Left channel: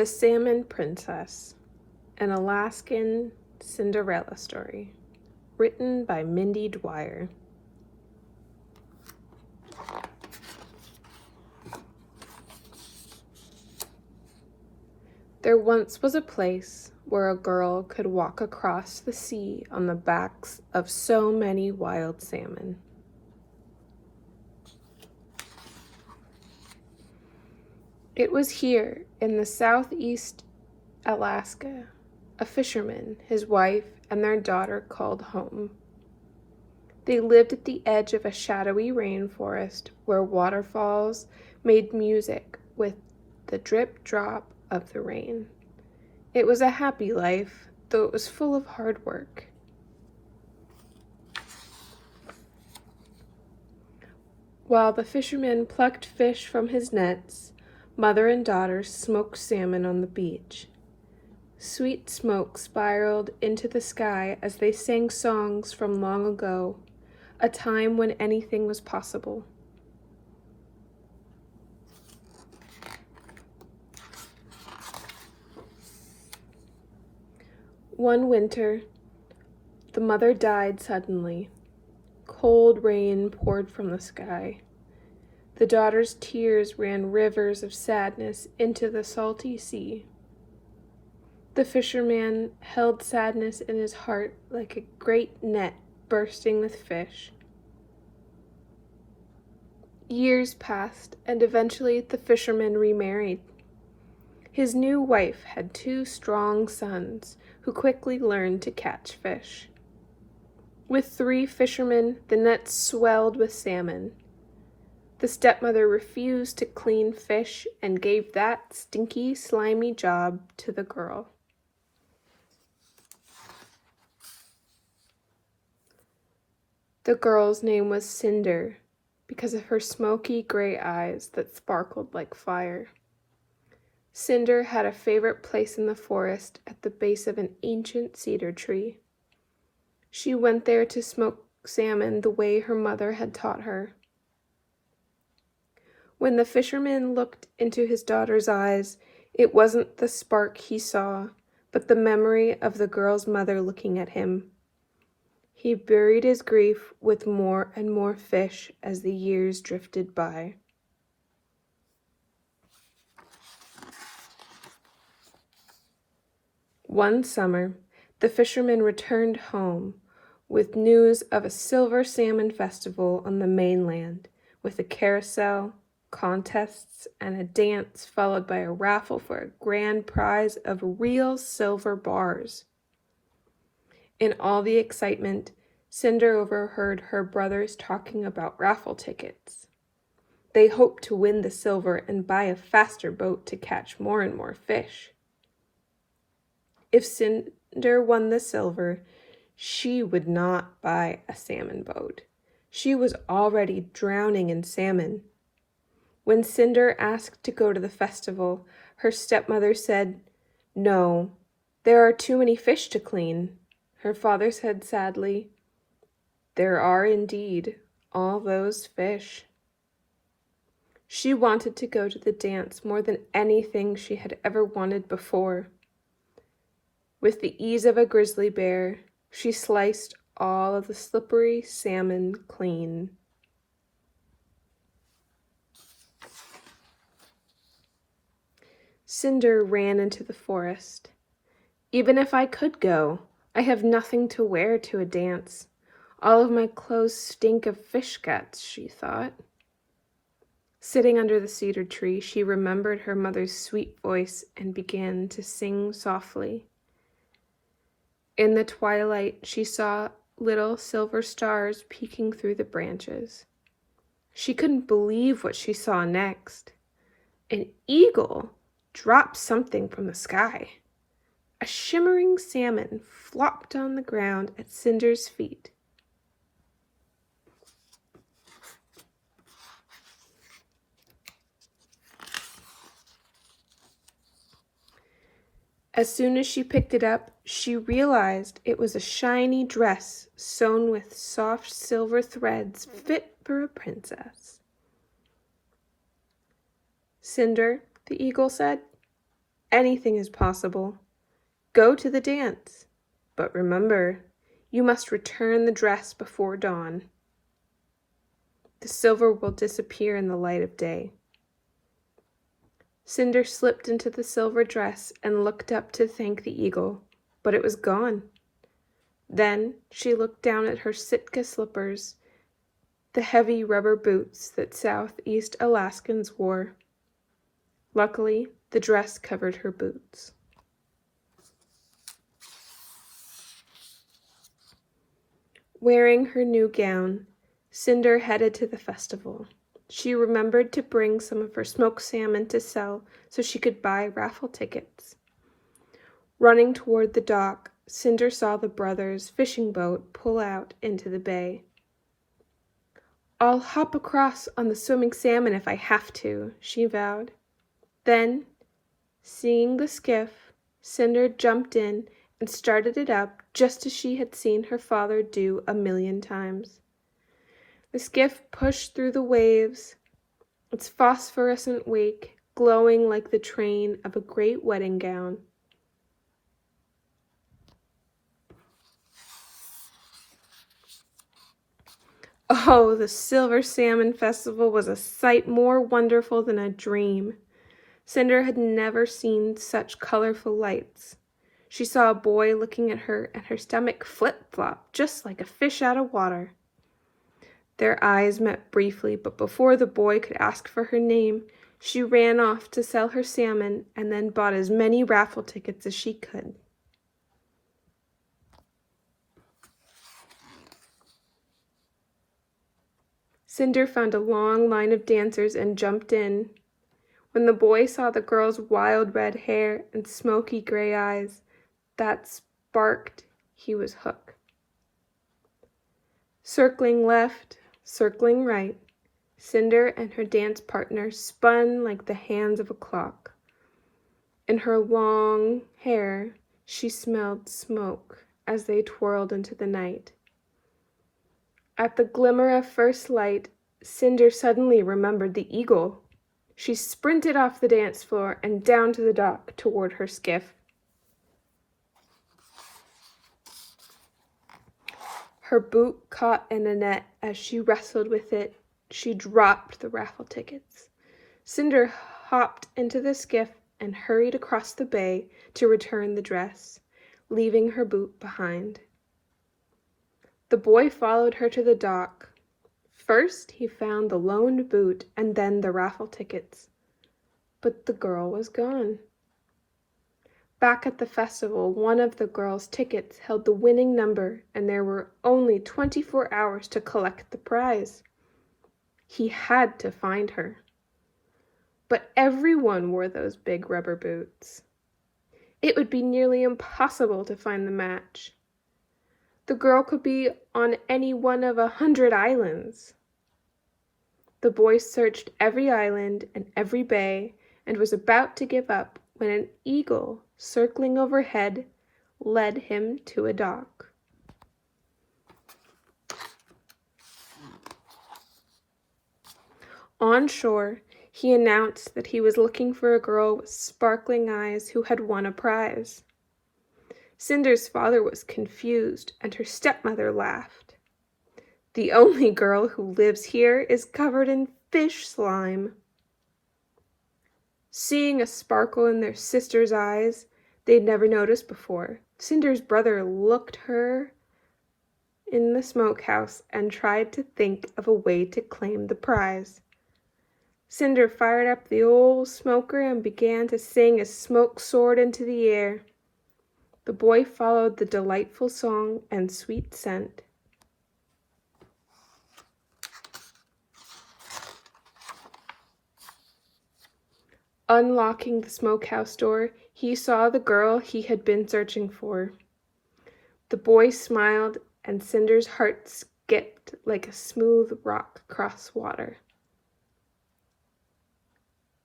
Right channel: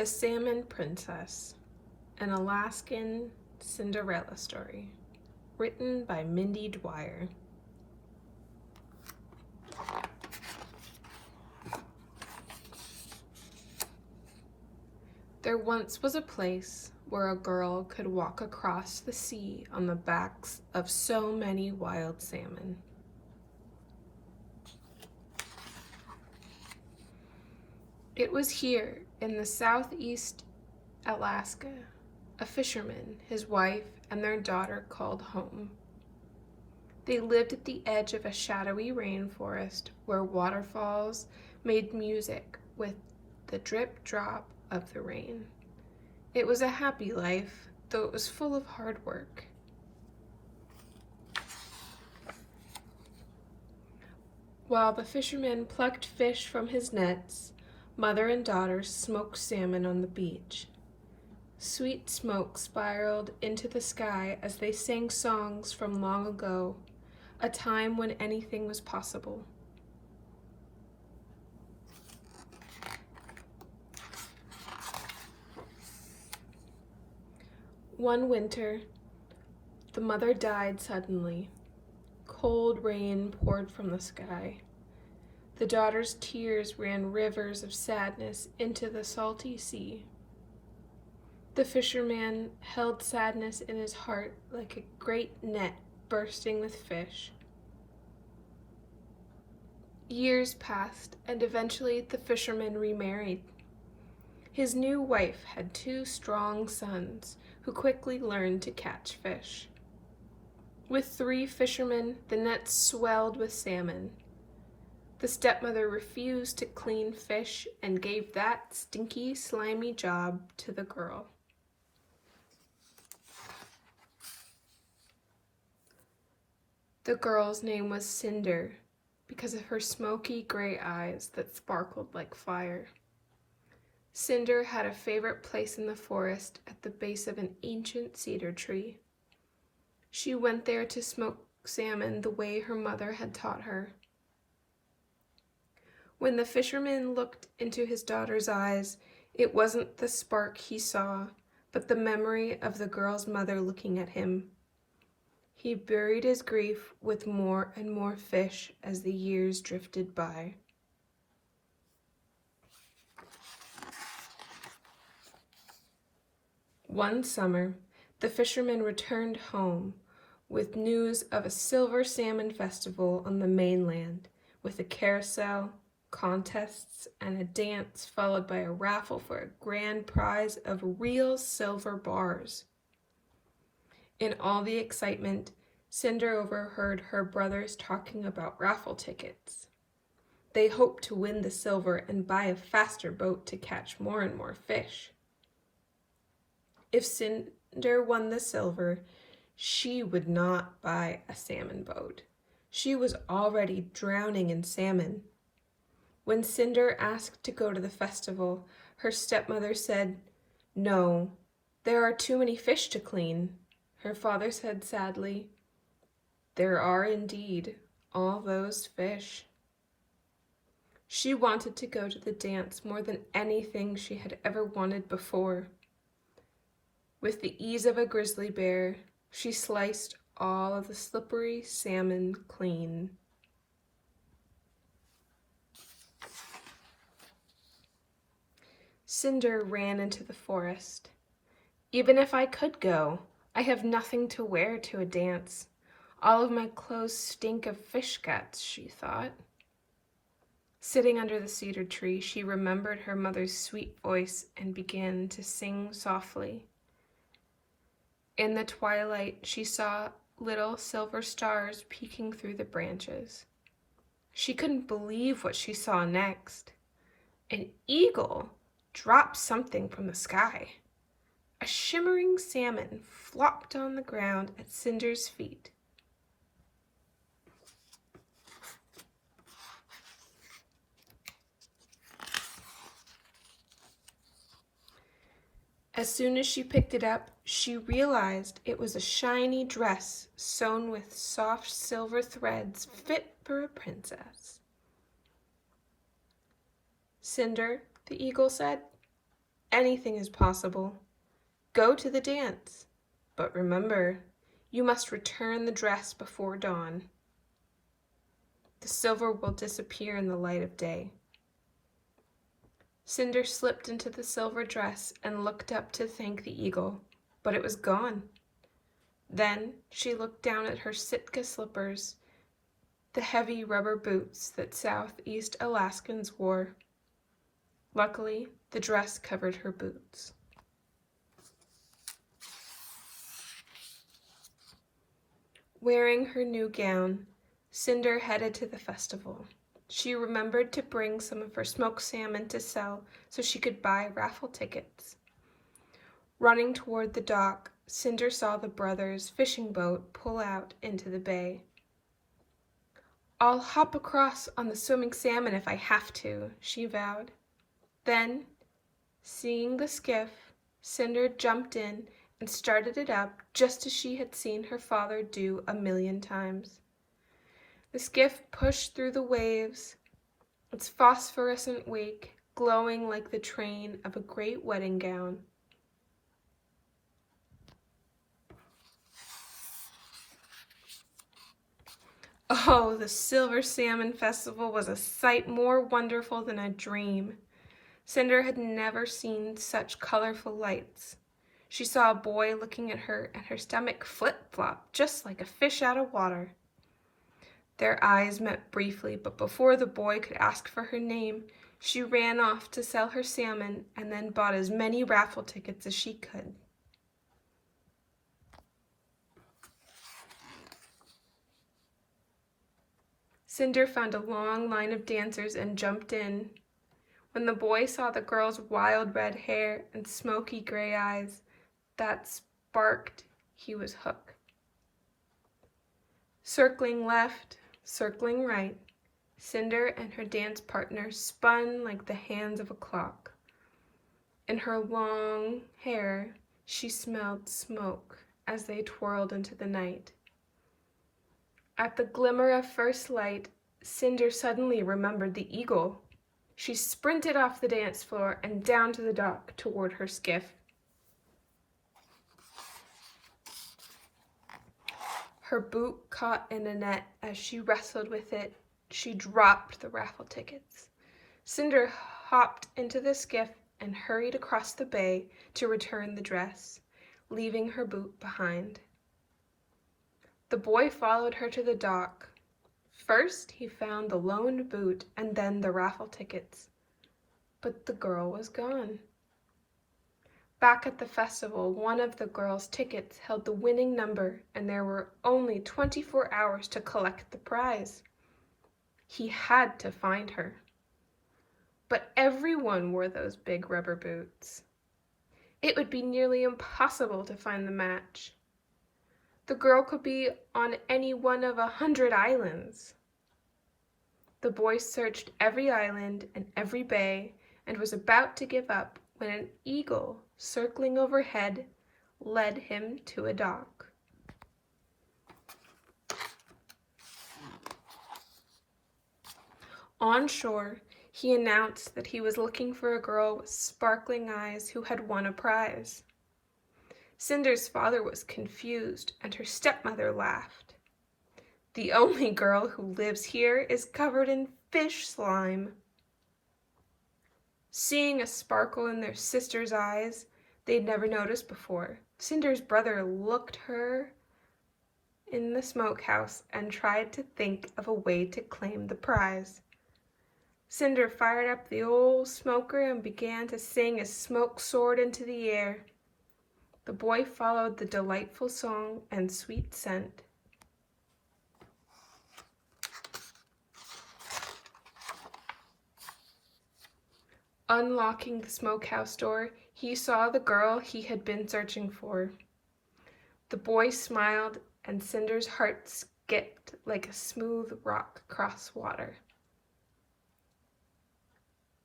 The Salmon Princess, an Alaskan Cinderella story, written by Mindy Dwyer. There once was a place where a girl could walk across the sea on the backs of so many wild salmon. It was here in the southeast Alaska, a fisherman, his wife, and their daughter called home. They lived at the edge of a shadowy rainforest where waterfalls made music with the drip drop of the rain. It was a happy life, though it was full of hard work. While the fisherman plucked fish from his nets, mother and daughter smoked salmon on the beach. Sweet smoke spiraled into the sky as they sang songs from long ago, a time when anything was possible. One winter, the mother died suddenly. Cold rain poured from the sky. The daughter's tears ran rivers of sadness into the salty sea. The fisherman held sadness in his heart like a great net bursting with fish. Years passed, and eventually the fisherman remarried. His new wife had 2 strong sons who quickly learned to catch fish. With 3 fishermen, the nets swelled with salmon. The stepmother refused to clean fish and gave that stinky, slimy job to the girl. The girl's name was Cinder because of her smoky gray eyes that sparkled like fire. Cinder had a favorite place in the forest at the base of an ancient cedar tree. She went there to smoke salmon the way her mother had taught her. When the fisherman looked into his daughter's eyes, it wasn't the spark he saw, but the memory of the girl's mother looking at him. He buried his grief with more and more fish as the years drifted by. One summer, the fisherman returned home with news of a silver salmon festival on the mainland, with a carousel, contests, and a dance followed by a raffle for a grand prize of real silver bars. In all the excitement, Cinder overheard her brothers talking about raffle tickets. They hoped to win the silver and buy a faster boat to catch more and more fish. If Cinder won the silver, she would not buy a salmon boat. She was already drowning in salmon. When Cinder asked to go to the festival, her stepmother said, "No, there are too many fish to clean." Her father said sadly, "There are indeed, all those fish." She wanted to go to the dance more than anything she had ever wanted before. With the ease of a grizzly bear, she sliced all of the slippery salmon clean. Cinder ran into the forest. "Even if I could go, I have nothing to wear to a dance. All of my clothes stink of fish guts," she thought. Sitting under the cedar tree, she remembered her mother's sweet voice and began to sing softly. In the twilight, she saw little silver stars peeking through the branches. She couldn't believe what she saw next. An eagle dropped something from the sky. A shimmering salmon flopped on the ground at Cinder's feet. As soon as she picked it up, she realized it was a shiny dress sewn with soft silver threads fit for a princess. "Cinder," the eagle said, anything is possible. Go to the dance. But remember, you must return the dress before dawn. The silver will disappear in the light of day. Cinder slipped into the silver dress and looked up to thank the eagle, but it was gone. Then she looked down at her Sitka slippers, the heavy rubber boots that Southeast Alaskans wore. Luckily, the dress covered her boots. Wearing her new gown, Cinder headed to the festival. She remembered to bring some of her smoked salmon to sell so she could buy raffle tickets. Running toward the dock, Cinder saw the brothers' fishing boat pull out into the bay. "I'll hop across on the swimming salmon if I have to," she vowed. Then, seeing the skiff, Cinder jumped in and started it up just as she had seen her father do 1,000,000 times. The skiff pushed through the waves, its phosphorescent wake glowing like the train of a great wedding gown. Oh, the Silver Salmon Festival was a sight more wonderful than a dream. Cinder had never seen such colorful lights. She saw a boy looking at her, and her stomach flip-flopped just like a fish out of water. Their eyes met briefly, but before the boy could ask for her name, she ran off to sell her salmon and then bought as many raffle tickets as she could. Cinder found a long line of dancers and jumped in. When the boy saw the girl's wild red hair and smoky gray eyes that sparked, he was hooked. Circling left, circling right, Cinder and her dance partner spun like the hands of a clock. In her long hair, she smelled smoke as they twirled into the night. At the glimmer of first light, Cinder suddenly remembered the eagle. She sprinted off the dance floor and down to the dock toward her skiff. Her boot caught in a net. As she wrestled with it, she dropped the raffle tickets. Cinder hopped into the skiff and hurried across the bay to return the dress, leaving her boot behind. The boy followed her to the dock. First, he found the loaned boot and then the raffle tickets. But the girl was gone. Back at the festival, one of the girl's tickets held the winning number, and there were only 24 hours to collect the prize. He had to find her. But everyone wore those big rubber boots. It would be nearly impossible to find the match. The girl could be on any one of 100 islands. The boy searched every island and every bay and was about to give up when an eagle, circling overhead, led him to a dock. On shore, he announced that he was looking for a girl with sparkling eyes who had won a prize. Cinder's father was confused, and her stepmother laughed. "The only girl who lives here is covered in fish slime." Seeing a sparkle in their sister's eyes they'd never noticed before, Cinder's brother looked her in the smokehouse and tried to think of a way to claim the prize. Cinder fired up the old smoker and began to sing as smoke soared into the air. The boy followed the delightful song and sweet scent. Unlocking the smokehouse door, he saw the girl he had been searching for. The boy smiled, and Cinder's heart skipped like a smooth rock across water.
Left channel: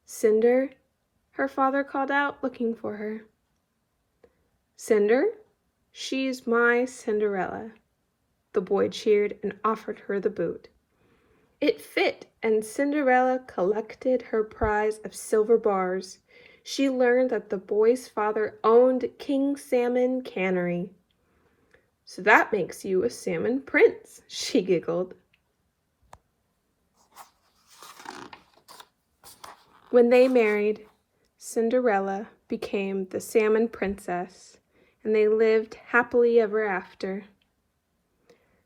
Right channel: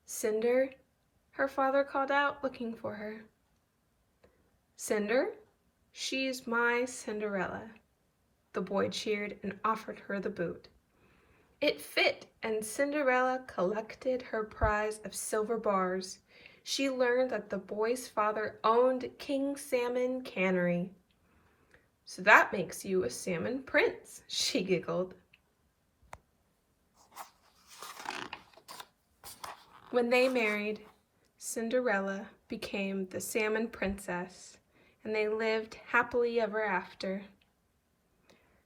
"Cinder," her father called out, looking for her. "Cinder? She's my Cinderella," the boy cheered and offered her the boot. It fit, and Cinderella collected her prize of silver bars. she learned that the boy's father owned King Salmon Cannery. "So that makes you a salmon prince," she giggled. When they married, Cinderella became the salmon princess, and they lived happily ever after.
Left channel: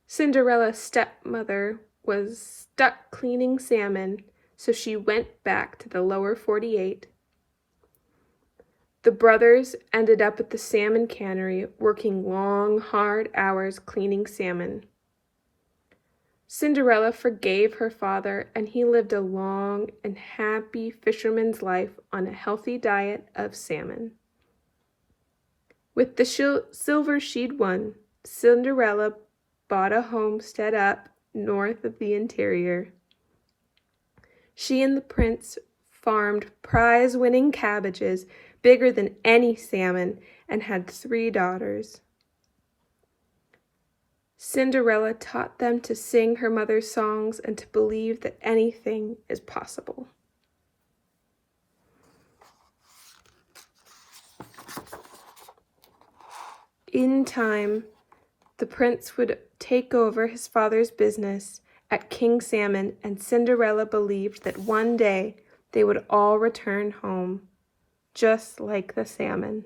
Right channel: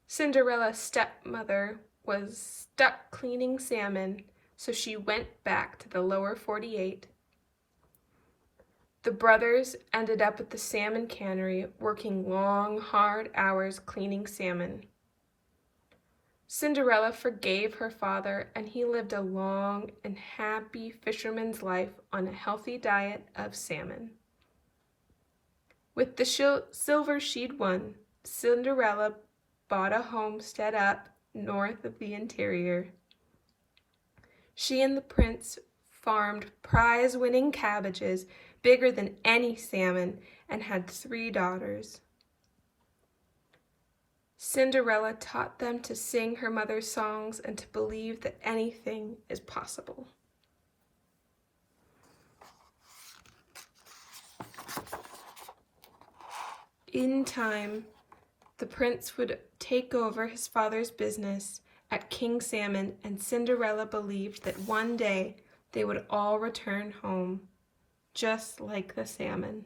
Cinderella's stepmother was stuck cleaning salmon, so she went back to the lower 48. The brothers ended up at the salmon cannery working long, hard hours cleaning salmon. Cinderella forgave her father, and he lived a long and happy fisherman's life on a healthy diet of salmon. With the silver she'd won, Cinderella bought a homestead up north of the interior. She and the prince farmed prize-winning cabbages bigger than any salmon and had 3 daughters. Cinderella taught them to sing her mother's songs and to believe that anything is possible. In time, the prince would take over his father's business at King Salmon, and Cinderella believed that one day they would all return home, just like the salmon.